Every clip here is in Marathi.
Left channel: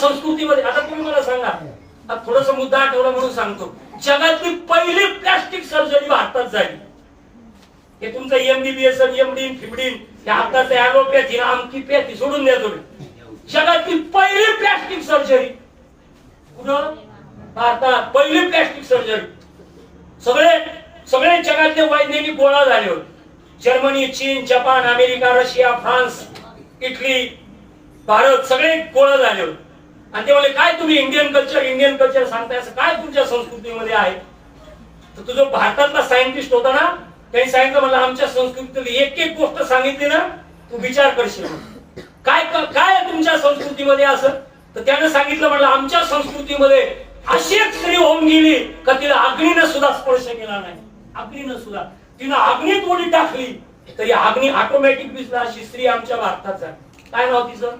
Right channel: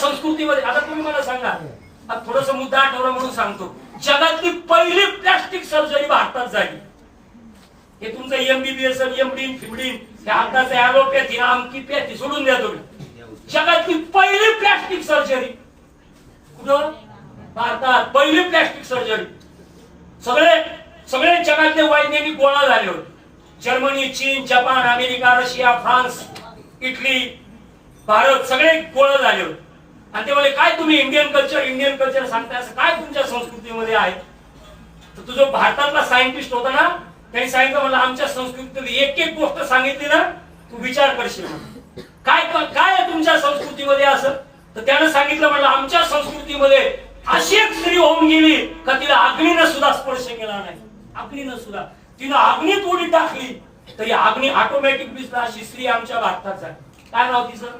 संस्कृतीमध्ये आता तुम्ही मला सांगा. थोडस मुद्दा आठवला म्हणून सांगतो. जगातली पहिली प्लास्टिक सर्जरी भारतात झाली. हे तुमचं एमबीबीएस एमडीन फिबडीन हे हाताचं ॲलोपॅथी आमकी पॅथी सोडून द्या तुम्ही. जगातली पहिली प्लास्टिक सर्जरी कुठं? भारतात. पहिली प्लास्टिक सर्जरी सगळे सगळे जगातले वैज्ञानिक गोळा झाले होते. जर्मनी चीन Japan America Russia France Italy Bharat सगळे गोळा झाले होते. आणि ते म्हणले काय तुम्ही इंडियन कल्चर इंडियन कल्चर सांगताय? असं काय तुमच्या संस्कृतीमध्ये आहे? तर तो जो भारतातला सायंटिस्ट होता ना त्यांनी सांगितलं मला आमच्या संस्कृतीतली एक एक गोष्ट सांगितली ना तू विचार करशील. काय काय तुमच्या संस्कृतीमध्ये असं? तर त्यानं सांगितलं मला आमच्या संस्कृतीमध्ये अशी एक स्त्री होऊन गेली का तिला अग्नीनं सुद्धा स्पर्श केला नाही. अग्नीनं सुद्धा. तिनं अग्नीत उडी टाकली तरी अग्नी ऑटोमॅटिक दिसला अशी स्त्री आमच्या भारतात जाईल काय नाव तिचं?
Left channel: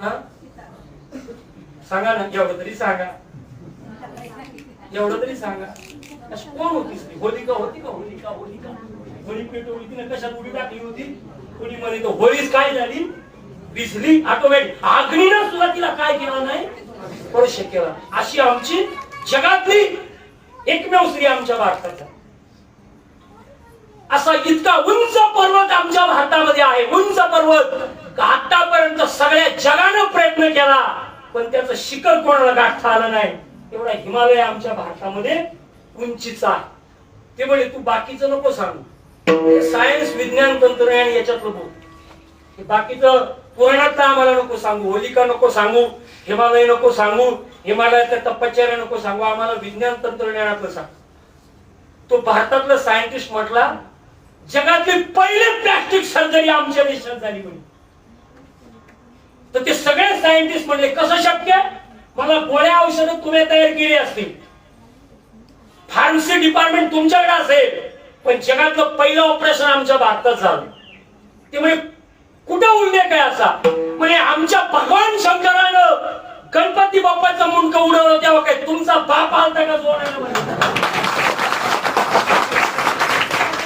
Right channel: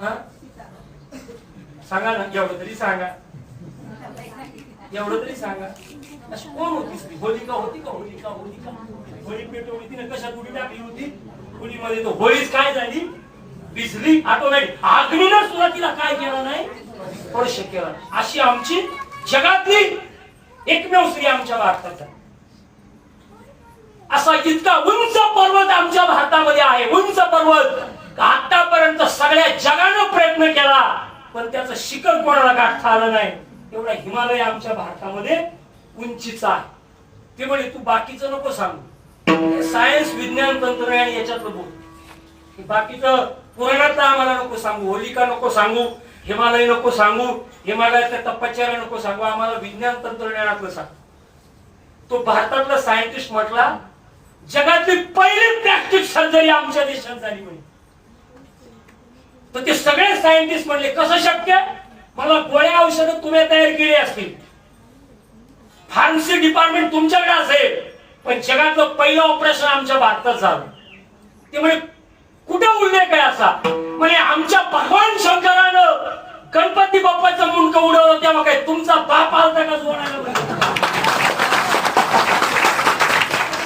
हा? सांगा ना एवढं तरी सांगा. एवढं तरी सांगा. अशी कोण होतीस ती? होलिका होती का होलिका होलिका होळी पेटवली तिने कशात उडी टाकली होती? होळीमध्ये तो होळीच काय झाली? दिसली ऑटोमॅटिक अग्नीनं सुद्धा तिला काय केलं नाही? स्पर्श केला. अशी आमची जगातली एकमेव स्त्री आमच्या भारतात असा इतका उंच पर्वत आमच्या भारतामध्ये आहे. उंच पर्वत. आतापर्यंत सगळ्या जगानं प्रयत्न केला. पण त्याचं शिखर कोणाला गाठता आलं नाही? एवढा हिमालय आमच्या भारतामध्ये उंचीचा आहे. ते म्हणे तू बाकीचं नको सांगू. सायन्स विज्ञान तंत्रज्ञान याच्यातलं बोल. बाकीचं पुराणातलं आम्हाला नको सांगू. होलिका नको सांगू. हिमालय नको सांगू. हिमालयातल्या तपश्चर्या नको सांगू. आम्हाला विज्ञान तंत्रज्ञानातलं सांग. तो भारतातला सायंटिस्ट म्हटला जगातली पहिली प्लॅस्टिक सर्जरी आमच्या देशात झाली म्हणे. तर ते सगळे सायंटिस्ट म्हणले कसं शक्य मला गोळ्या औषधं तुम्ही तयार केली असतील. फार्मसी डिपार्टमेंट तुमच्याकडे असेल पण जगातलं पहिलं ऑपरेशन आमच्या भारतात झालं. ते म्हणजे कुठे उल्लेख आहे असा? म्हणजे आमच्या भगवान शंकरानं गणपती बाप्पाचं मुंडक उडवलं तेव्हा काय तुमचा बाप आलता का जोडायला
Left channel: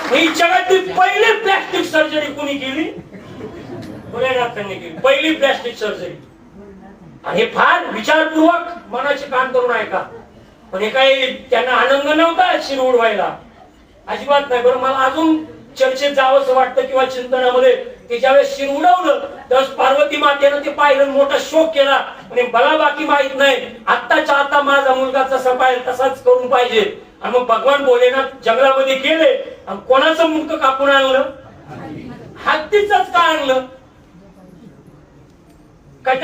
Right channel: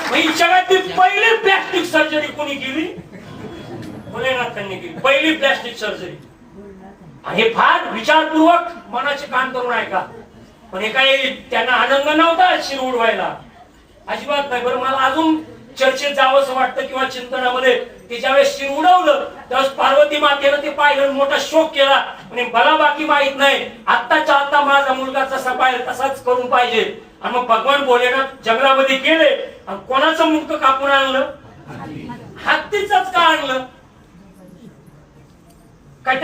म्हणजे जगातली पहिली प्लॅस्टिक सर्जरी कोणी केली? भोलेनाथांनी केली पहिली प्लॅस्टिक सर्जरी आणि हे फार विचारपूर्वक मनाचे काम करून ऐका. पण हे काही त्यांना आनंद नव्हता शिर उडवायला अजिबात नाही. बरं मला अजून चर्चेत जावं असं वाटतं किंवा चिंतनामध्ये ते ज्यावेळेस शिर उडवलं त्यावेळेस पार्वती मातेनं ते पाहिलं मोठा शोक केला. आणि मला बाकी माहीत नाही. आत्ताच्या आता माझा मुलगा तसा पाहिजे तसाच करून पाहिजे. आणि मग भगवान भोलेनाथ जंगलामध्ये गेले आणि कोणाचं मुंडकं कापून आणलं? हत्तीच का आणलं?